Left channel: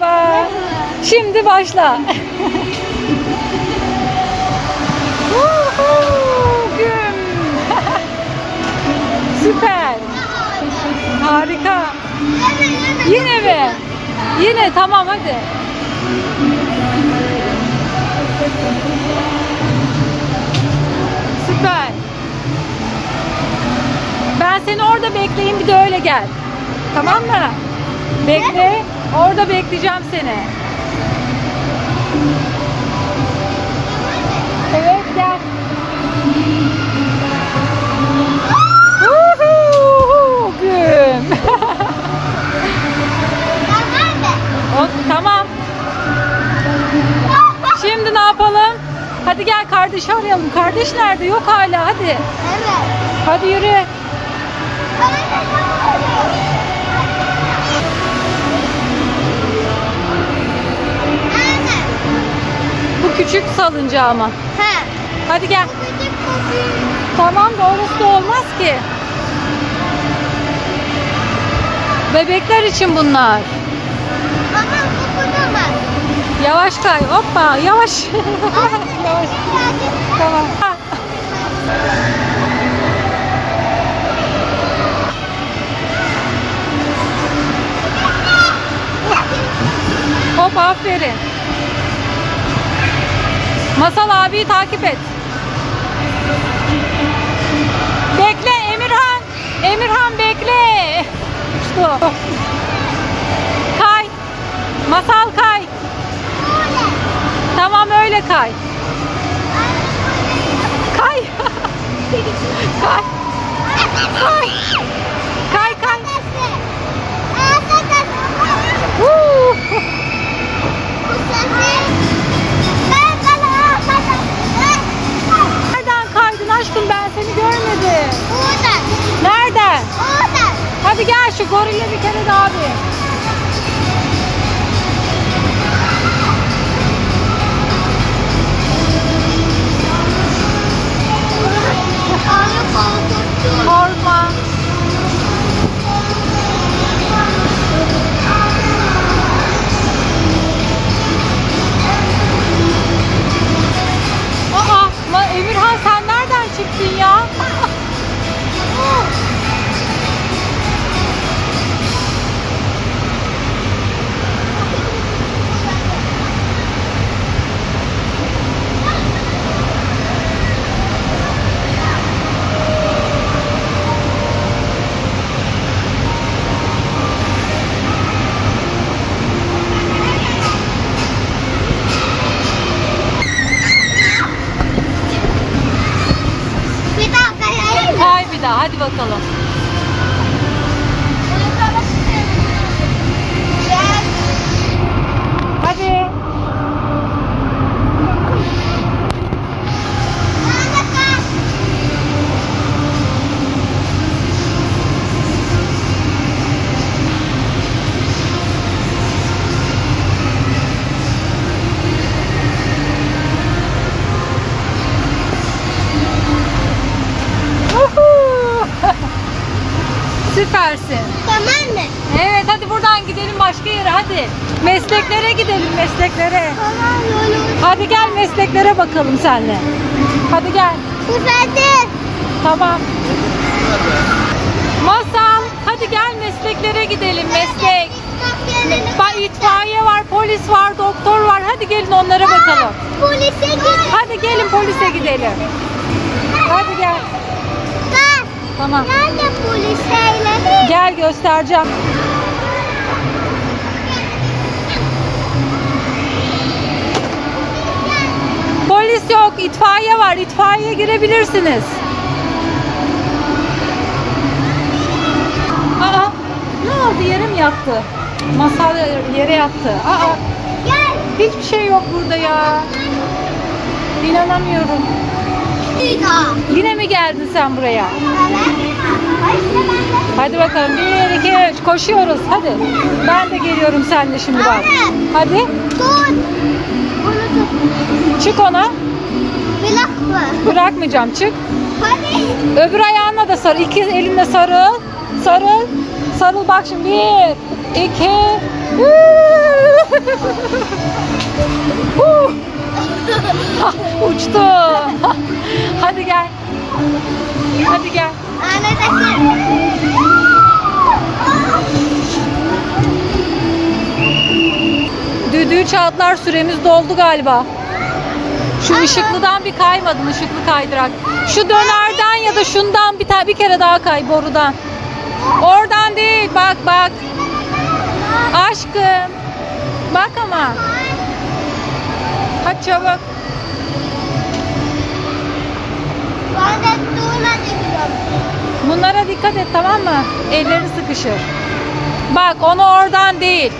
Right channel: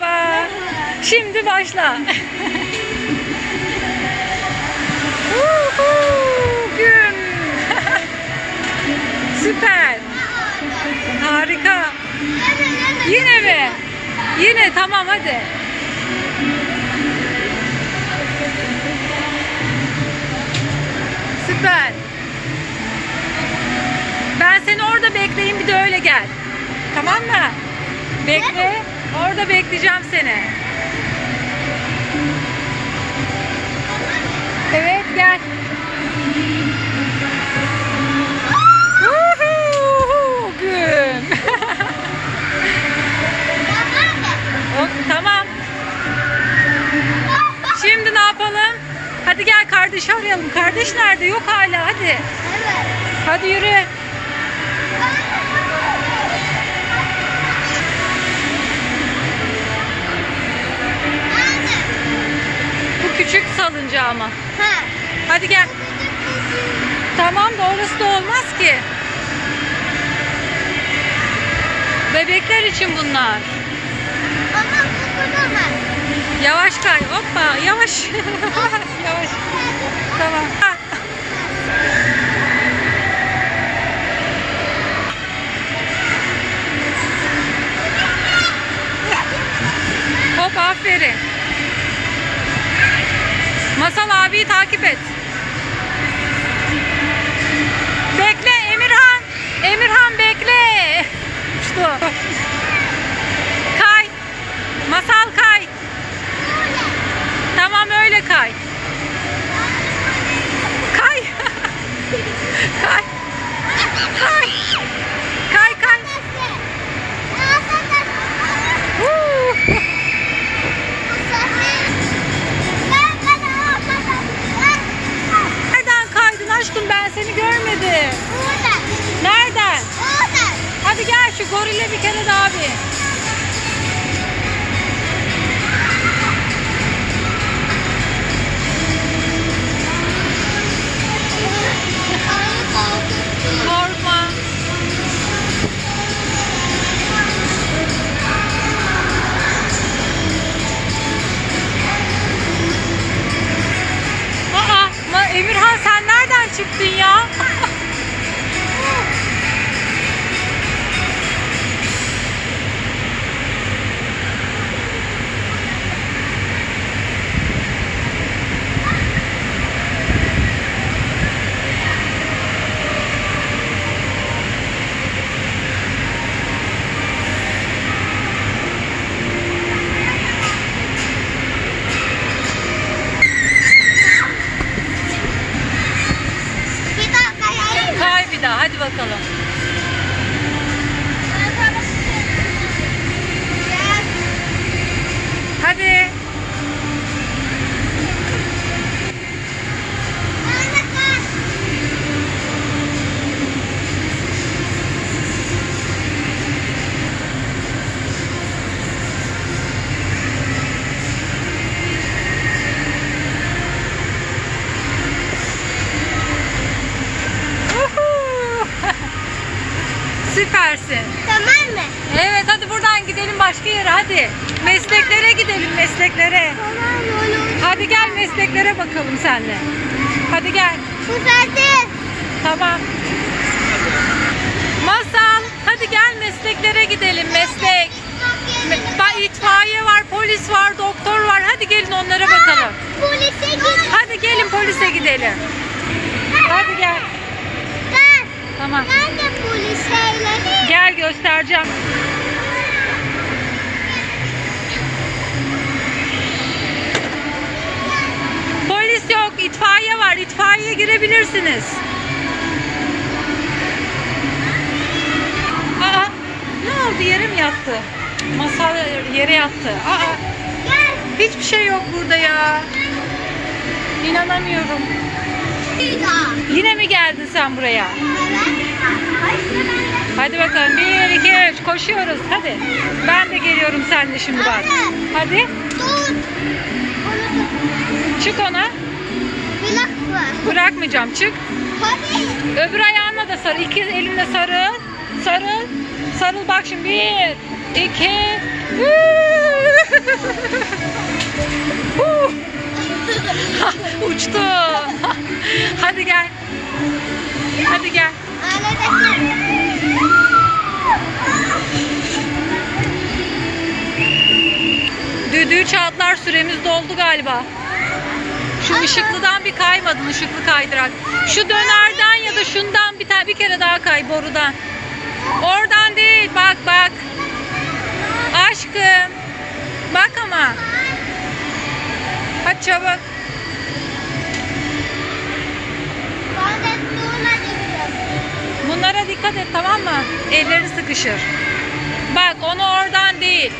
Merhaba. Şimdi başla. Gün. Süper. Harika. Yine mi? Yine tamam hadi. Süper. Ben seni orada bekleyeyim bir de öyle gel. Tamam mı? Bekle. Orada bekleyeceğim seni. Evet gel. Gün. o, tamam. Şimdi ne yapalım? Hadi gel kardeşi arayalım. Kardeş nerede? Yok hala hadi. Evet. Hadi yürü. küçük salıncağıma. ama. Ha. Hadi gel. Tamam da orası da olmaz ki. Bebekler için bunlar. Ama bu bunamaz. Yavaş kay. Hoppa yavaş. yavaş. tamam. Hop aferin. Masal abi takip et. Bekle Emirhan. Emirhan bekle. Uçtu. Kay. Masal kay. Tamam öyle kay. Kay. kay. Kay. Kay kay. Woo! Nuri ile bir kere daha bir. daha. Hadi bakalım. Hadi. mesleklere gidelim mesleklere. Hadi gel mesleklere bakalım senle. Hadi gel. Süperdi. Tamam. Masal hadi gel mesleklere gidelim meslek. Bak itfaiye var, polis var, doktor var. Hadi gelin onlara bakalım. Polise gidelim. Hadi gelin polise gidelim. Hadi gel. Tamam. Nerede polis Gel göstereceğim. polis yok. itfaiye var. İtfaiye girebilirsiniz. Aa, ne oldu? Yerim yattı. Masa yere yattı. Aa, hiçbir şey yok burada ya. İnanamıyorum. Yine mi geldin sen buraya? Hadi bakalım. Bir, iki, üç. Koşuyoruz. Hadi. Ben de geliyorum seninle şimdi bak. Hadi. Tut. Bunu Çık ona. Bırakma. Bırakmayacağım çık. Hadi. Öbür ayağına da sar. İki elinle sarıl. Sarıl. Sarıl bak şimdi. Bir, iki, Uçtu. Hadi gel. Hadi gel. Düdüğü çatlar süremiz doldu galiba. Şu ışıklıdan bir kaymadım ışıklı kaydırak. Şu dönerden ya da şundan bir, bir kere daha kay borudan. Oradan değil bak bak. Aşkım. Bak ama. Hadi çabuk. Bunlara dikkat et tamam mı? Elleri sıkışır. Bak onu oradan değil.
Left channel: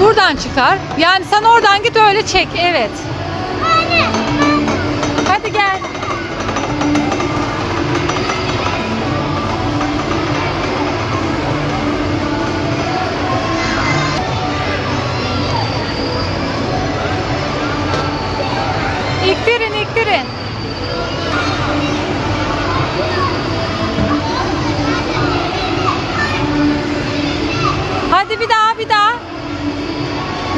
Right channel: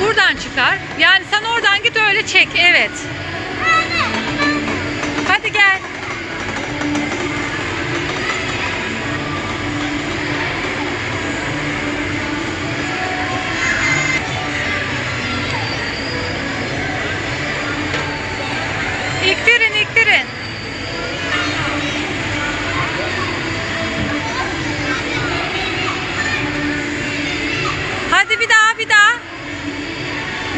Buradan çıkar. Yani sen oradan git öyle çek. Evet. Hadi gel. İktirin, iktirin. Hadi bir daha, bir daha.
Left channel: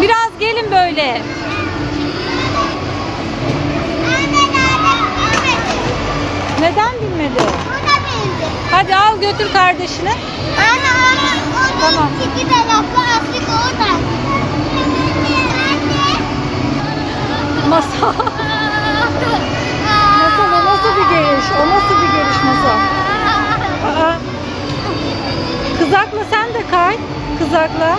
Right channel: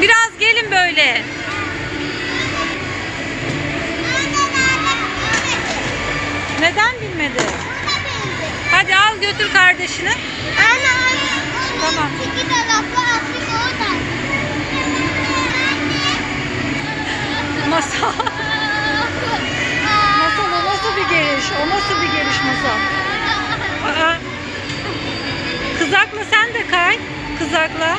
Biraz gelin böyle. Neden binmedi? Hadi al götür kardeşine. Anne onun, onun tamam. iki taraflı asık orada. Masal. Masal o nasıl bir geliş? O nasıl bir geliş Masal? Kızakla sen de kay. Kızakla.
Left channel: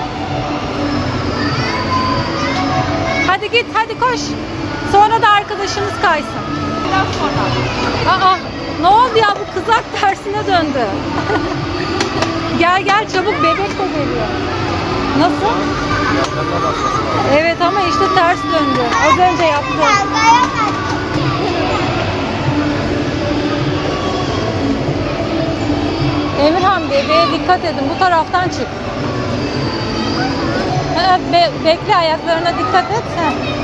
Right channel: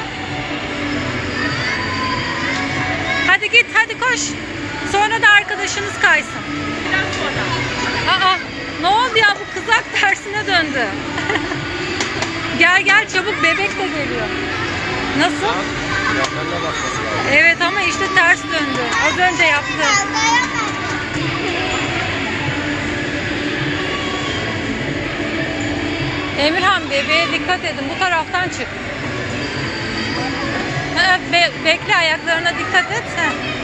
Hadi git hadi koş. Sonra da arkadaşınız kaysın. Biraz kızak tersine döndü. gel gel çabuk bebek de geliyor. Nasıl? Evet ama işte ters döndü. Az önce yaptı. Emirhan bebeğe dikkat edin. Bu taraftan çık. Be bekle ayaklarına dikkat et. Heh.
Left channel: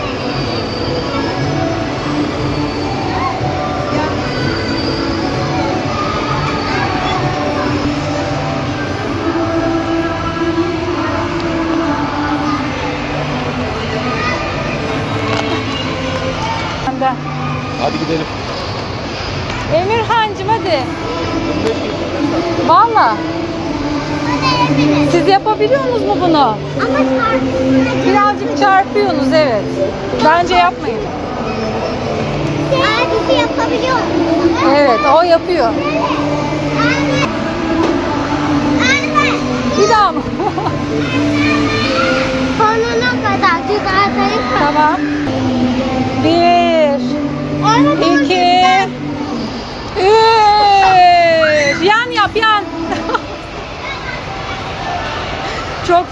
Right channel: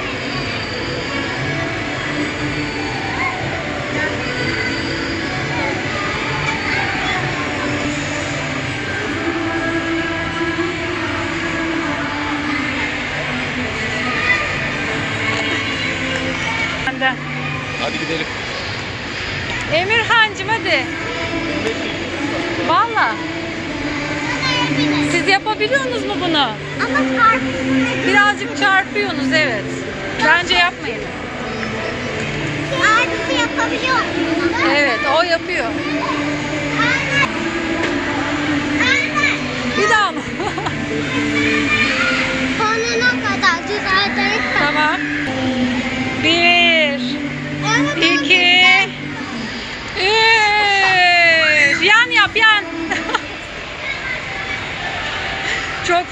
benden. Hadi gidelim. Emirhancım hadi. Valla. Siz yapabiliyorsunuz mu bunu? Ama Birazcık çarpıyorsunuz evet. Bence yapmayın. Abisi yapabiliyor. Evet o yapıyor.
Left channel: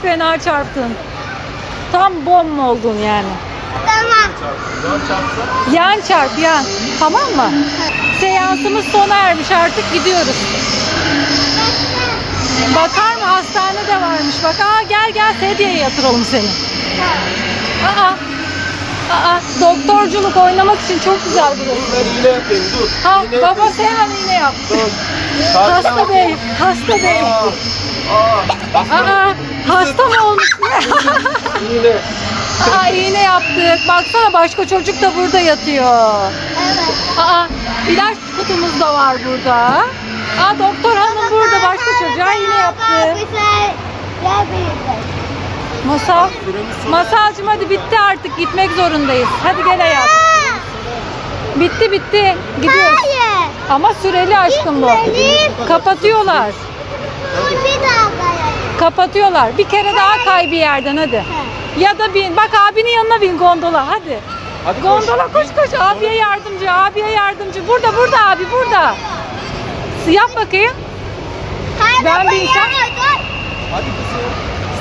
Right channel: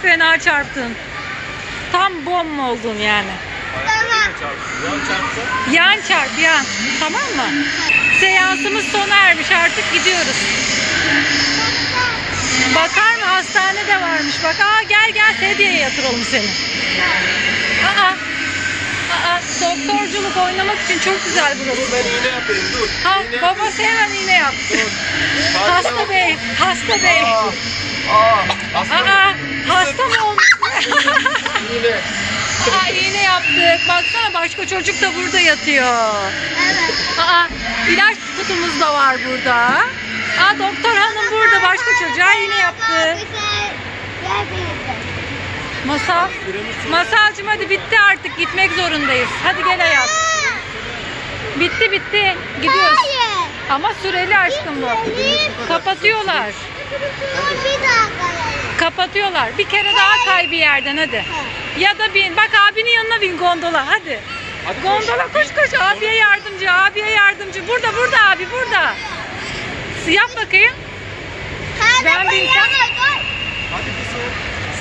fena çarptın. Tam bom oldun yani. Tamam. Yan çarp yan. Tamam mı? Seansımız sona ermiş artık gidiyoruz. Bakar mı? Hastane de varmış. Bak aa gel gel sedyeye yatıralım seni. Aa. Aa, doktorculuk oynamak için çok güzel burası. Dur ben dur. Ha, baba Seyhan iğne yaptı. hasta bey, hasta bey. Aa, hasta mı olmuş? Yine. Aa, iğne yaptık. Baksana başka çocuk da burada yatıyor. Evet. Aa, ilaç kutumuz da var burada. Aa, doktor hanım burada başka çocuğa iğne yaptı. Masal. Masalcım hadi bitti artık gitmek zorundayız. Hadi gel hayat. Bitti bitti. Gidiyoruz. Ama süreli aşkım bu. Kapatıyorlar. Hadi. Kapatıyorlar. Bir kere daha kay bir yerden hadi. Ya da bin. Bak abinin yanına bin gondola hadi. Hadi Gondola koş koş abiye yardımcı abiye yardımcı. Burada burada abi burada. Yap bakayım. Ben bir insan. Hadi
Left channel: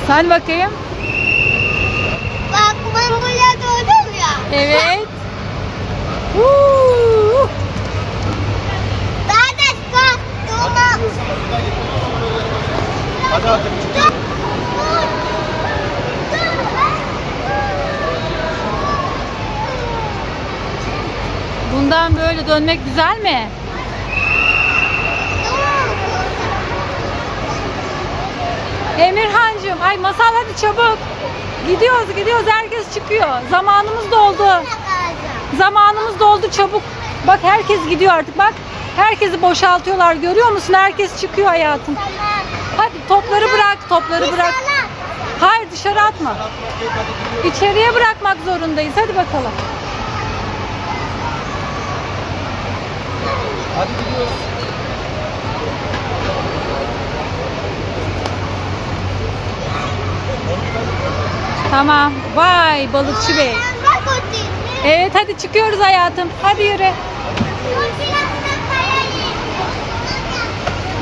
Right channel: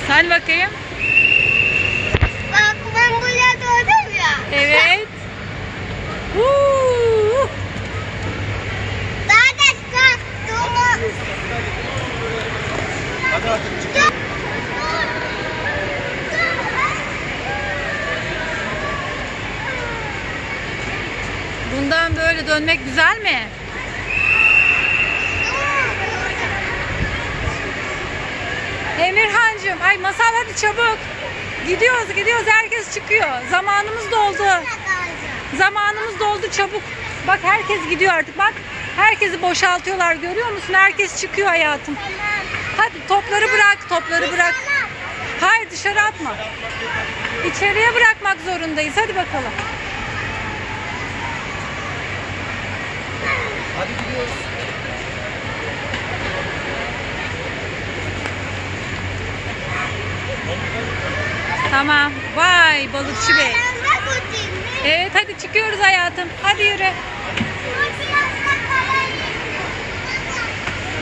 Sen bakayım. Bak ben buraya doğdum ya. Evet. Huu. dönmek güzel mi? Emirhancığım ay masal hadi çabuk. Gidiyoruz gidiyoruz herkes çıkıyor. Zamanımız doldu. Zamanımız doldu çabuk. Bak herkes gidiyor artık bak. Herkesi boşaltıyorlar görüyor musun? Herkes çıkıyor hayatım. Hadi topları bırak topları bırak. Hayır dışarı atma. İçeriye bırakmak zorundayız. Hadi bakalım. Tamam. Vay balıkçı bey. Evet hadi çıkıyoruz hayatım. Hadi yürü.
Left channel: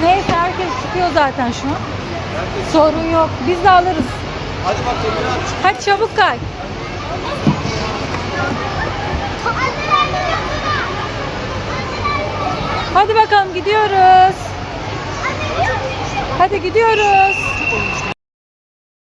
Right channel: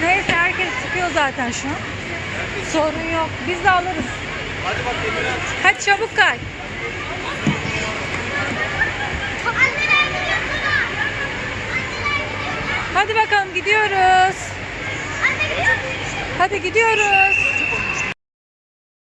Neyse herkes çıkıyor zaten şu an. Sorun yok. Biz de alırız. Hadi bak Hadi çabuk kay. Hadi bakalım gidiyoruz. Hadi gidiyoruz.